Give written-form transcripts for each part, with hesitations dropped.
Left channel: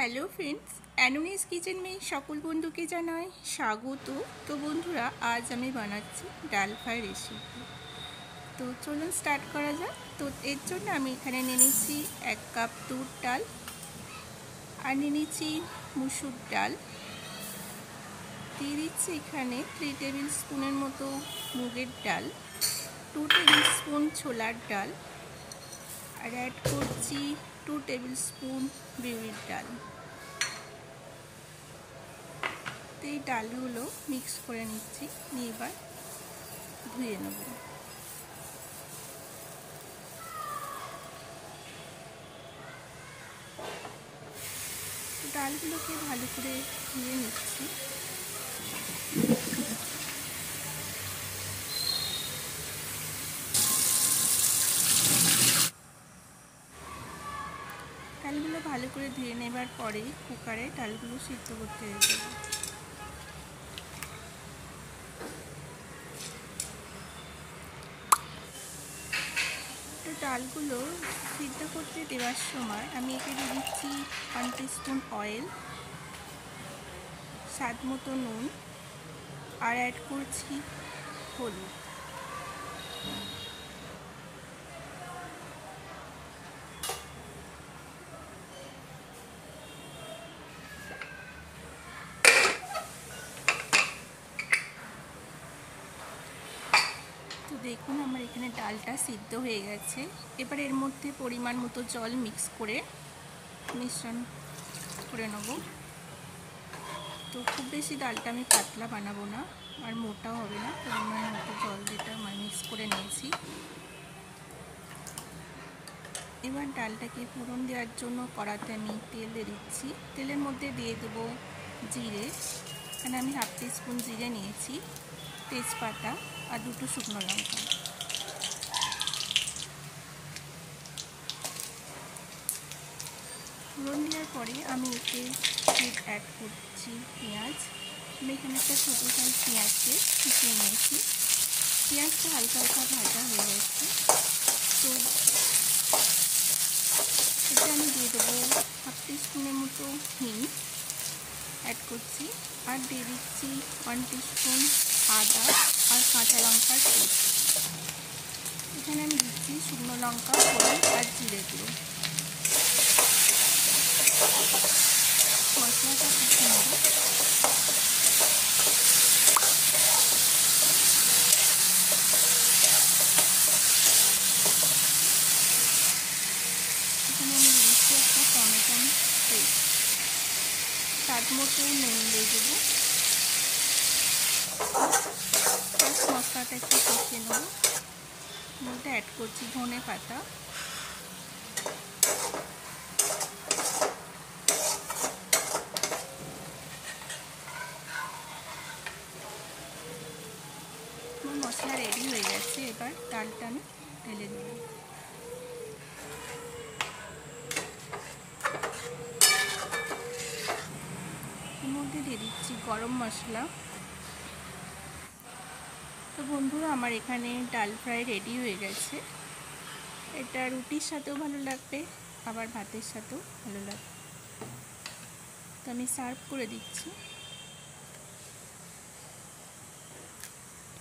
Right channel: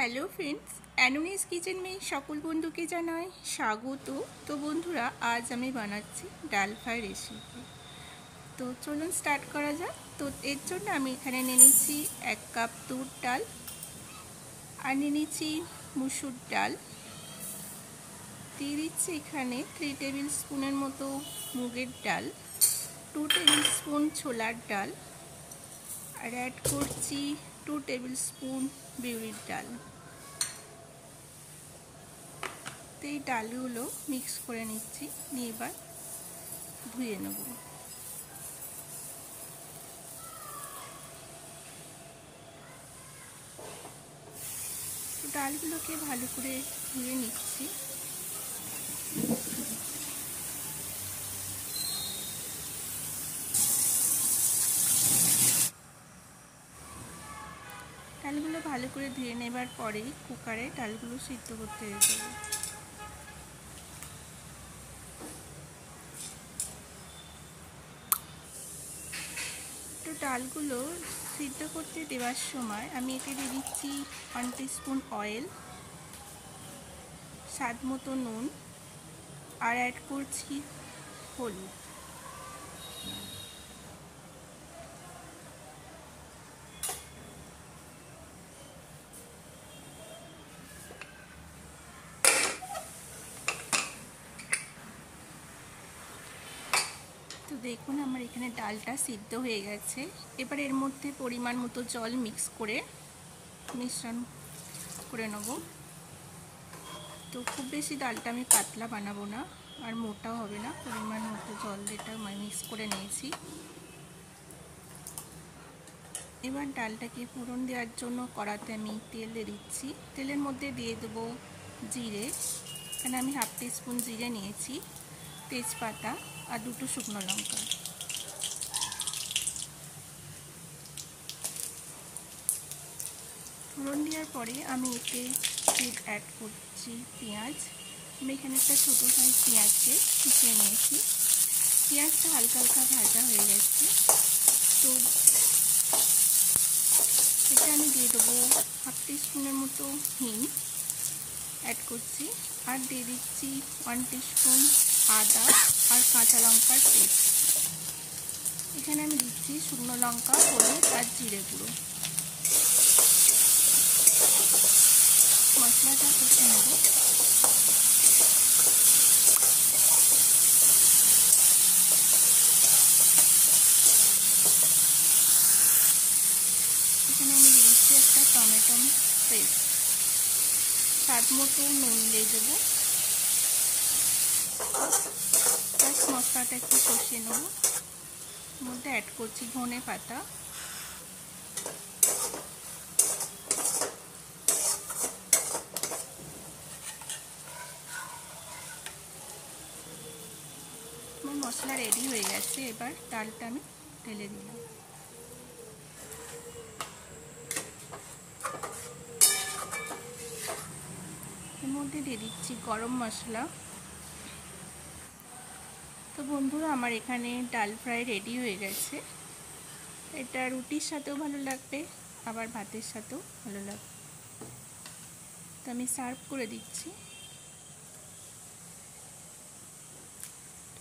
Hello friends, অ্যানোনিস kitchen মে সকল বন্ধুকে জানাই স্বাগত। তো বন্ধুরা, আজ আমি বানাচ্ছি ডাল ফ্রাই রেসিপি। তো চলুন স্টার্ট করা যাক। তো এর জন্য আমি এখানে নিয়ে নিচ্ছি 1 কাপ তুর ডাল, আর নিয়ে নিচ্ছি মুসুর ডাল, দিয়ে দিচ্ছি এখানে 3 টেবিল স্পুনের মতো মুগের ডাল, 2 টেবিল স্পুন ছোলার ডাল, আর অ্যাড করছি 2 টেবিল স্পুন বিউলির ডাল। তো এই ডালগুলো মিক্স করে নিচ্ছি, নিয়ে এবার ধুয়ে নেব। তো ডালগুলোকে ভালো করে ধুয়ে নিচ্ছি। ডালগুলো ভালো করে ধুয়ে নেবার পরেই কুকারে ডালগুলো সিদ্ধ করতে দিয়ে দেবো। তো ডালগুলো সিদ্ধ করতে দেওয়ার সময় আমি একে দিয়ে দিচ্ছি 1 টিস্পুন অয়েল, স্বাদ মতো নুন, আর অ্যাড করছি হলুদ। তো দেখুন, আমার এখানে ডালটা সিদ্ধ হয়ে গেছে। এবার এর মধ্যে পরিমাণ মতো জল মিক্স করে মিশ্রণ করে নেব। তো খুব বেশি ডালটা আমি পাতলা বানাবো না, আর মোটাও হবে না। পরিমাণ মতো জল যেটা মিক্স করে নিয়েছি। এবার ডালটাকে ফোড়ন দেওয়ার জন্য কড়াতে আমি তেল দিয়ে দিচ্ছি। তেলের মধ্যে দিয়ে দেবো জিরে। এখানে আমি 1/2 টিস্পুন জিরে নিয়েছি, তেজপাতা আর 2টো শুকনো লঙ্কা। ফোড়ন দেওয়ার পরে আমি এতে অ্যাড করছি পেঁয়াজ। আমি এখানে একটা ছোটো সাইজ পেঁয়াজকে কুচিয়ে নিয়েছি। পেঁয়াজটা হালকা হালকা ভাজা হয়ে গেছে। তো এতে আমি দিয়ে দেবো 1/2 টিস্পুনের মতো হিং অ্যাড করছি, আর দিয়ে দিচ্ছি 1 টিস্পুন আদা আর কাঁচা লঙ্কার পেস্ট। এখানে আমি দিচ্ছি শুকনো লঙ্কা, হলুদ আর জিরে গুঁড়ো। মশলাটা কষে নেব। এখানে আমি দিয়ে দিচ্ছি একটা টমেটো পেস্ট, স্বাদ মতো নুন দিয়ে দেবো। প্লাস মশলাটা একটু কষিয়ে নেব। মধ্যে অ্যাড করছি ধনে পাতা, মশলা রেডি হয়ে গেছে। এবার ডালটা আমি ঢেলে দিলাম। এর মধ্যে দিয়ে দিচ্ছি গরম মশলা। তো বন্ধুরা, আমার এখানে ডাল ফ্রাই রেডি হয়ে গেছে। এটা রুটির সাথেও ভালো লাগবে, আবার ভাতের সাথেও ভালো লাগবে। তো আমি সার্ভ করে দিচ্ছি।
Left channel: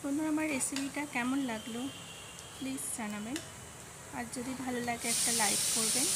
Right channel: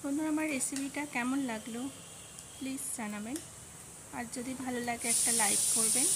বন্ধুরা, আমার রেসিপিটা কেমন লাগলো প্লিজ জানাবেন, আর যদি ভালো লাগে একটা লাইক করবেন।